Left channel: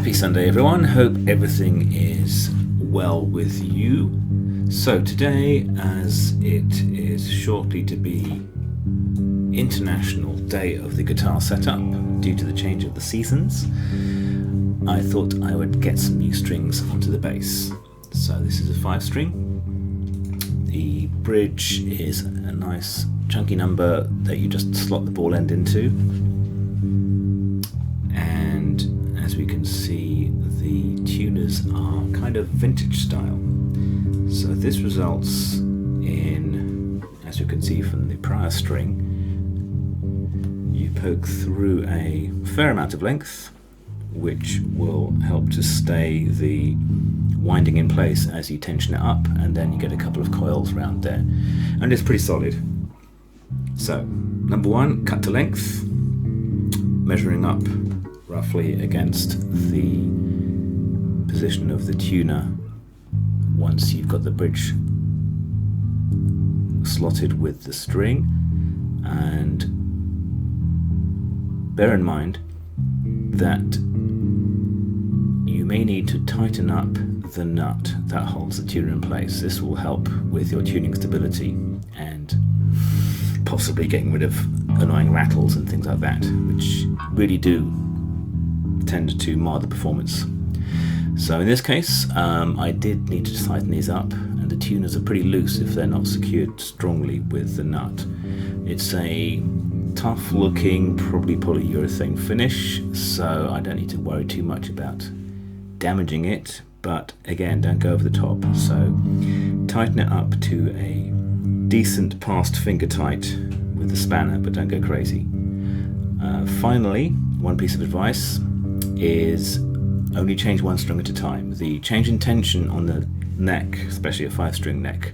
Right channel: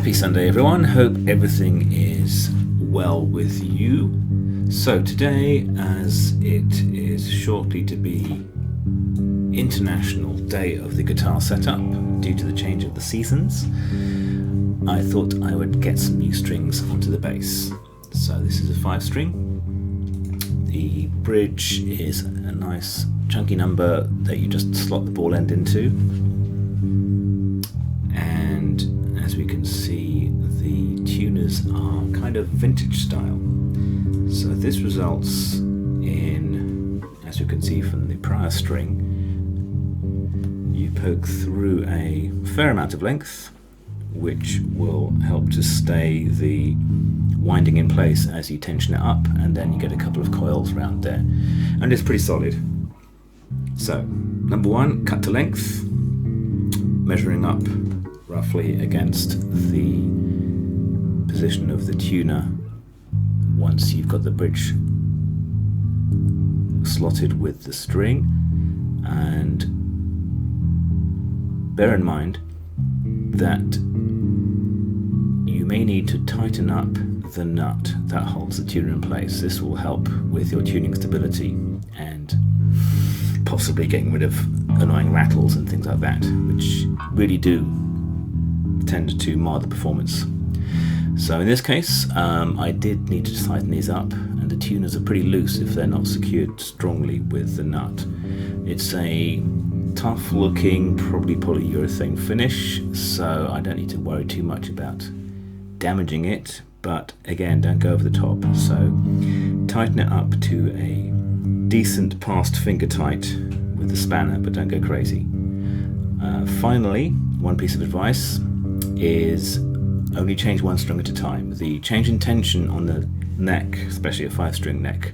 Happy Sunday everyone, hope everything is well with you. So today, as it is shortly to be International Day of the Guitar Setup due to the change of the seasons, I thought I would get some new strings onto the bass. So this is a 5-string. The bridge is a nice chunky number that you just slot the ball end into. And as we can see, the tuners are kind of vintage style. So this results in, as you can see from the prior string, you poke through a fair amount of length, which will help to stay the winding in place as you tension it up, and then you get a couple of coils around there, and it's pretty solid. So, number one, cut to length, measuring up roughly against the position of the tuner once you've got the bridge slotted with the string. And bear in mind that you may need to tighten up the nut that holds the tuner in place. This will help with your tuning stability and possibly getting rid of annoying rattles and things like that, which really do tend to mar the performance. So in this case, I did need to tighten these up, and the tuners are pretty loose if they're not secured strongly with the nut. It's a tough looking, probably polyurethane finish, so I don't need to worry too much about damaging it, but again, don't go over the top. So tighten it up to a decent past finger tight with the spanner, but don't go crazy. Finally, one piece of advice is only change one string at a time. The change in tension on the neck, especially a 5-string neck,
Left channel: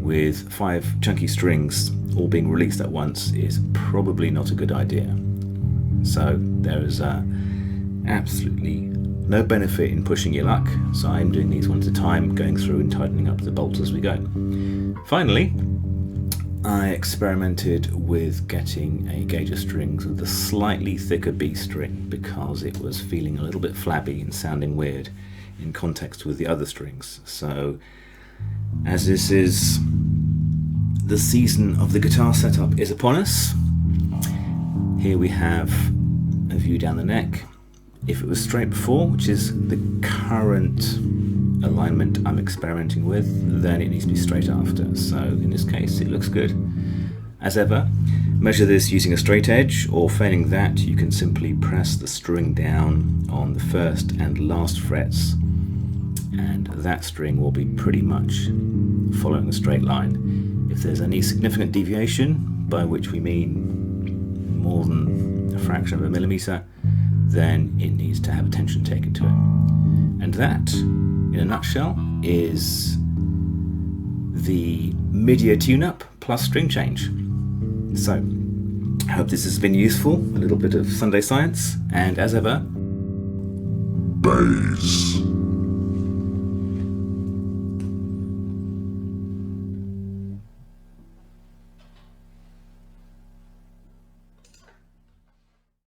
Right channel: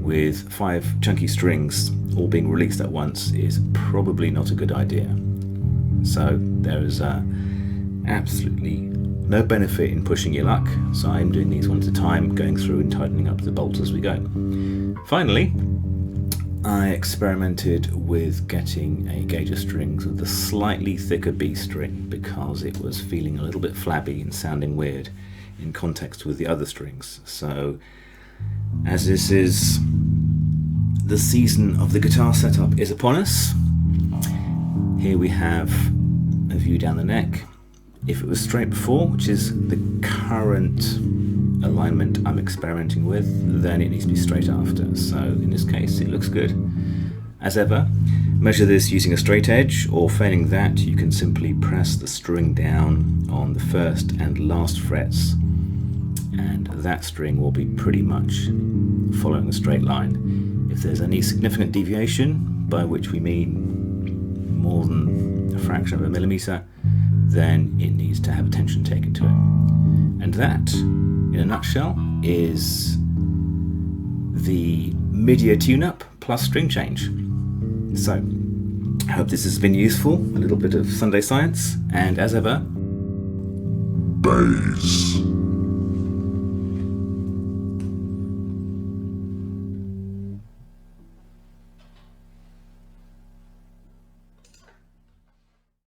with 5 chunky strings all being released at once is probably not a good idea. So there is absolutely no benefit in pushing your luck, so I'm doing these one at a time, going through and tightening up the bolts as we go. Finally, I experimented with getting a gauge of strings with a slightly thicker B string because it was feeling a little bit flabby and sounding weird in context with the other strings. So as this is the season of the guitar setup is upon us, here we have a view down the neck. If it was straight before, which is the current alignment I'm experimenting with, then it needs to be straight after. So in this case, it looks good. As ever, measure this using a straight edge, or failing that, you can simply press the string down on the first and last frets, and that string will be pretty much following a straight line. If there's any significant deviation, by which we mean more than a fraction of a millimeter, then it needs to have attention taken to it. And that, in a nutshell, is the mid-ear tune-up plus string change. So, I hope this has been useful, a little bit of Sunday science, and as ever, bass.